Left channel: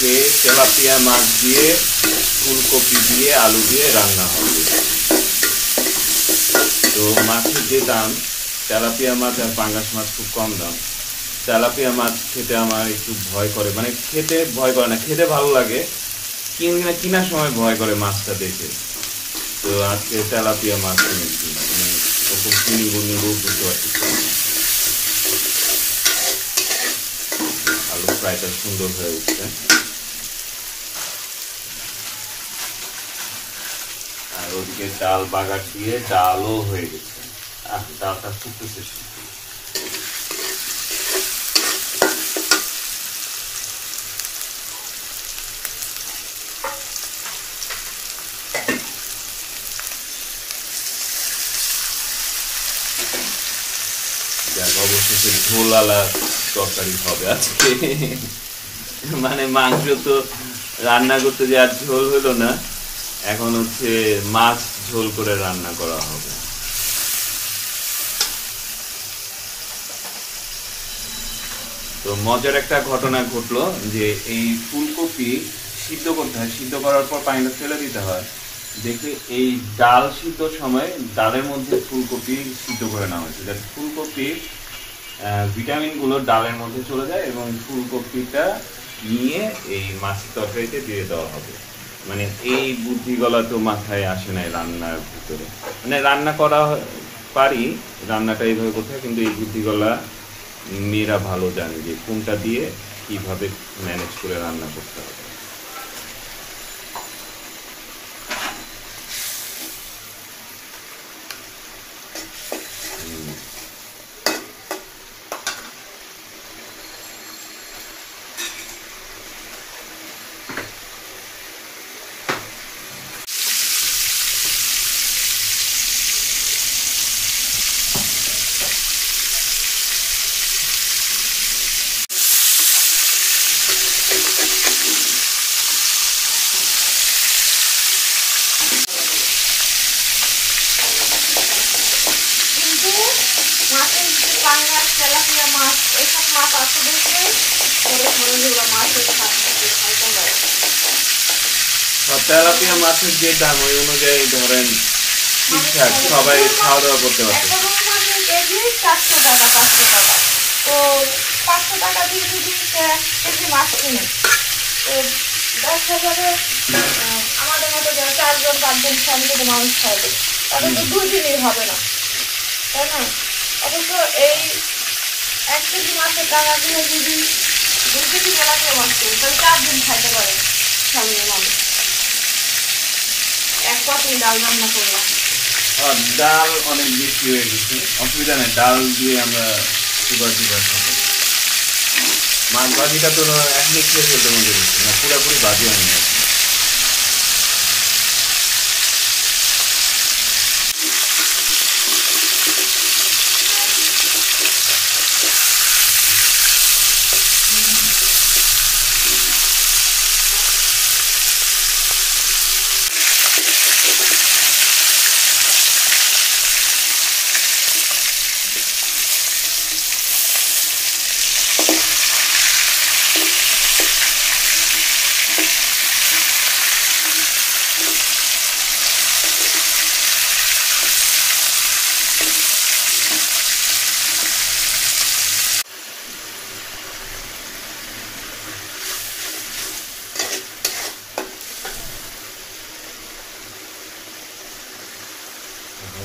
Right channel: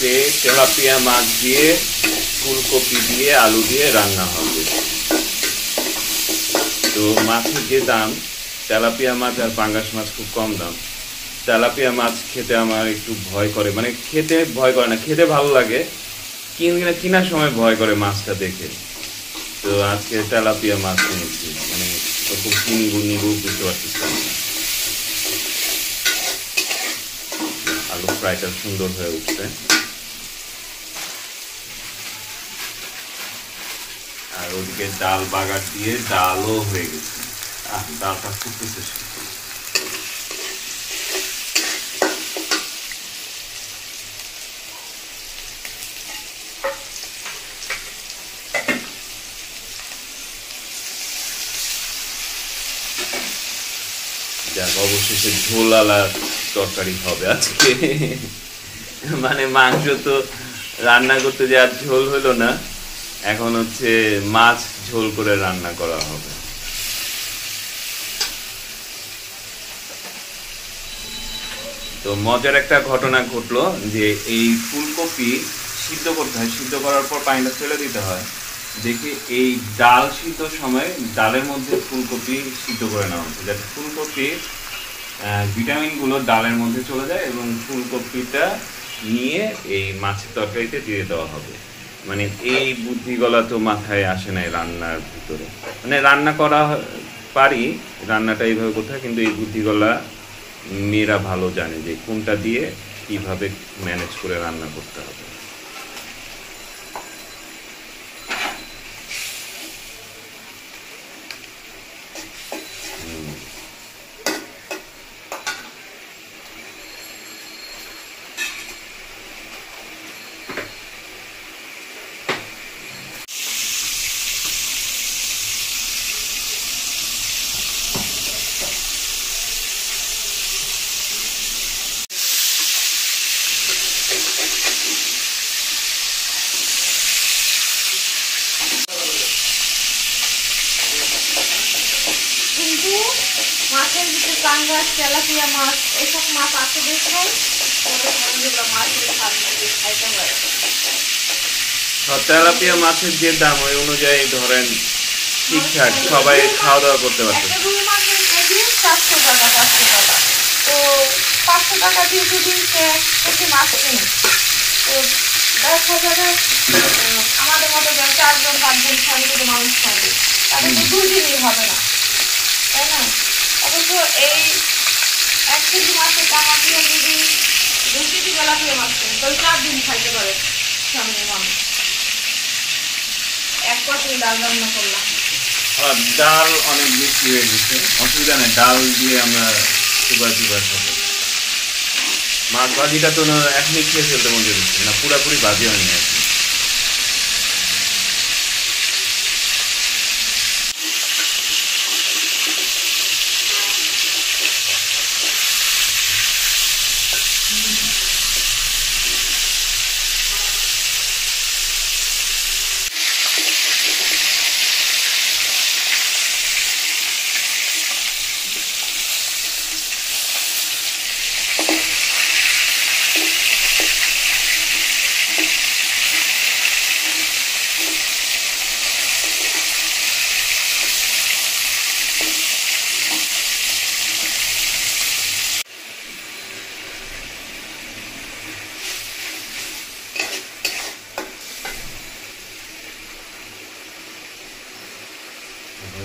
আজকে তেলাপিয়া মাছ দিয়ে ফুলকপি দিয়ে আলু দিয়ে রান্না হবে। তো মাছের যে দাম, তেলাপিয়া মাছ আর পাঙ্গাস মাছ খুব কম দাম। তেলাপিয়া মাছ খেতে আমার একটু ভয় করে, মানে খেতে ভয় করে না, খেতে ভালো লাগে, কেনার সময় ভয় করে মাছটা দেখে। তো আজকে তেলাপিয়া মাছ কিনেছি, মানে ওরকম নিবো বুঝতে পারছি। আলু ফ্রাইটা সুন্দর হয়ে উঠছে, আর ওদিকে ডাল বাগার দিয়ে ডালও হয়ে গেছে। ডালটা ফুটতেছে। অবশেষে ঝোলালা তরকারি হবে আজকে। মানে মাংস তো রান্না করতে যে আর ঝোল হলো না, এখন হচ্ছে মাছ ঝোল করে রান্না করা হবে। তো মজার একটা ঘটনা ঘটলো যে এই ফুলকপি সিদ্ধ করতে হয়, সিদ্ধ করার পর পানিটা ফেলে দিতে হয়। দেখে এই ডাল সিদ্ধ সময় ডালের মধ্যে ফুলকপি সিদ্ধ করে নেওয়া হচ্ছে, যাতে ফুলকপির ভিটামিনগুলো ডালের মধ্যে চলে যায় এবং ফুলকপিটা নিয়ে এই মাছের তরকারিতে দিয়ে দেওয়া হবে। মানে এই বুদ্ধিগুলা তো মাথায় আসে নাই রান্নার ভিতরে, মানে রান্না করা পারি, রান্নাটা এইভাবে করতে হয়, কিন্তু এই বুদ্ধিগুলা মেয়েরা ভালো জানে যে কোনটা দিয়ে কিভাবে ম্যানেজ করে রান্না করতে হবে। তেলাপিয়া মাছ এইসব মাছ আছে দেখবেন তেলাপিয়া মাছের যে দাম ওই অনুযায়ী ধরেন ঠিকঠাক সবাই খাওয়া দাওয়া করতে পারছে। 400 টাকা 500 টাকা, তো 500 টাকা দিয়ে যদি কেজি মাছ কিনে তো দেখা যাবে আমাদের মতো 4জন 5জন 6জন মানুষ খাবে, তাদের তো 2 দিনই হবে না, তাই না? অথচ এই 1 কেজি মাছের দাম আপনি যদি 2 কেজি তেলাপিয়া মাছ করেন তাহলে 4 দিন খাইতে পারে সামনে মানুষ। 1 পাত্রে ডাল রান্না করলাম, ডাল অনেক বেশি হয়ে গেছে, অসুবিধা নেই, ডাল দিয়ে আমরা সুগার খাবো। মাছ ভাজিটা তো এখনই খেয়ে ফেলতে মনে হচ্ছে না, পুরাপুরি ভাজি হয়নি এখন।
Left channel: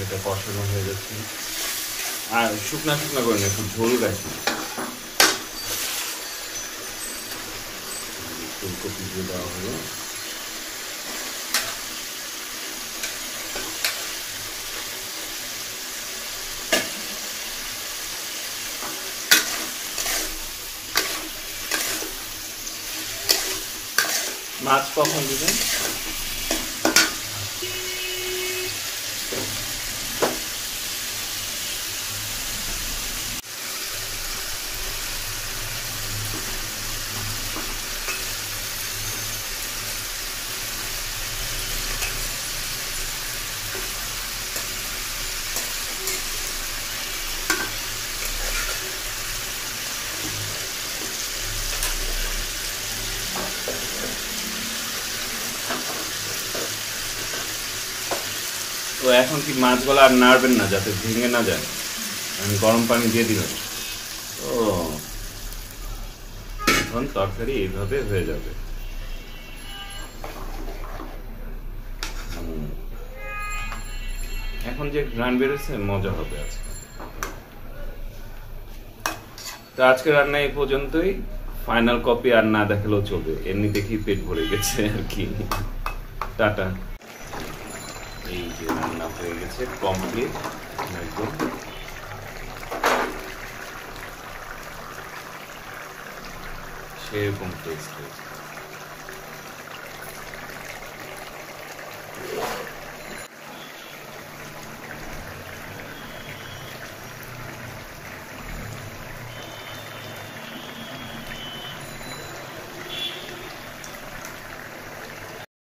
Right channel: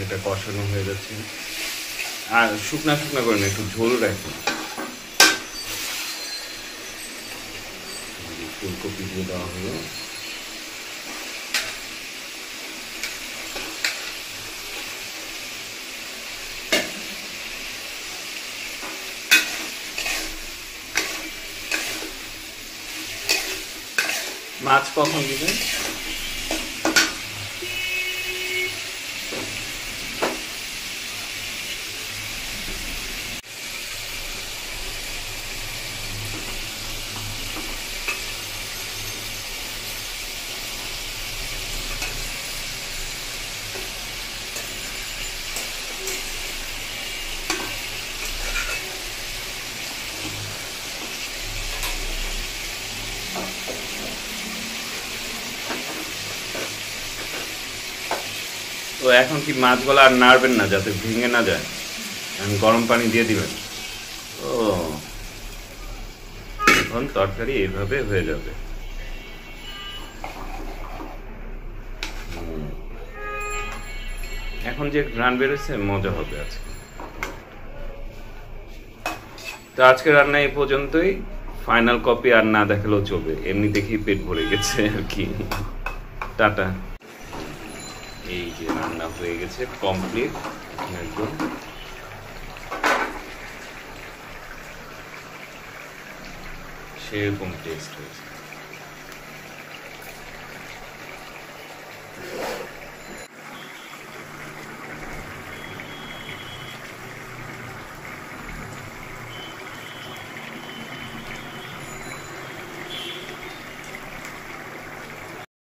এটা কষানো হয়ে যাচ্ছে, আর শুকনা করে না, একটু ঝোল রাখি। ফুলকপি দিয়ে দেওয়া হলো, মাছ কখন দিবেন? তো এখন কি মাছগুলো আর নাড়বেন না যাতে ভেঙে না যায়, গরম পানি দিয়ে দিবেন। ও এখন তরকারি এইভাবে হয়ে যাবে। এখন যে ঘ্রাণ বেরোচ্ছে মজা হবে আজকে। তো আজকে রান্না এই পর্যন্তই, ফাইনাল কপি আর না দেখালেও চলবে, এমনি দেখেই পেট ভরে গেছে আর কি। টাটা। এই যে রান্না হয়ে গেছে কমপ্লিট একদম। সেরকম টেস্ট হয়েছে।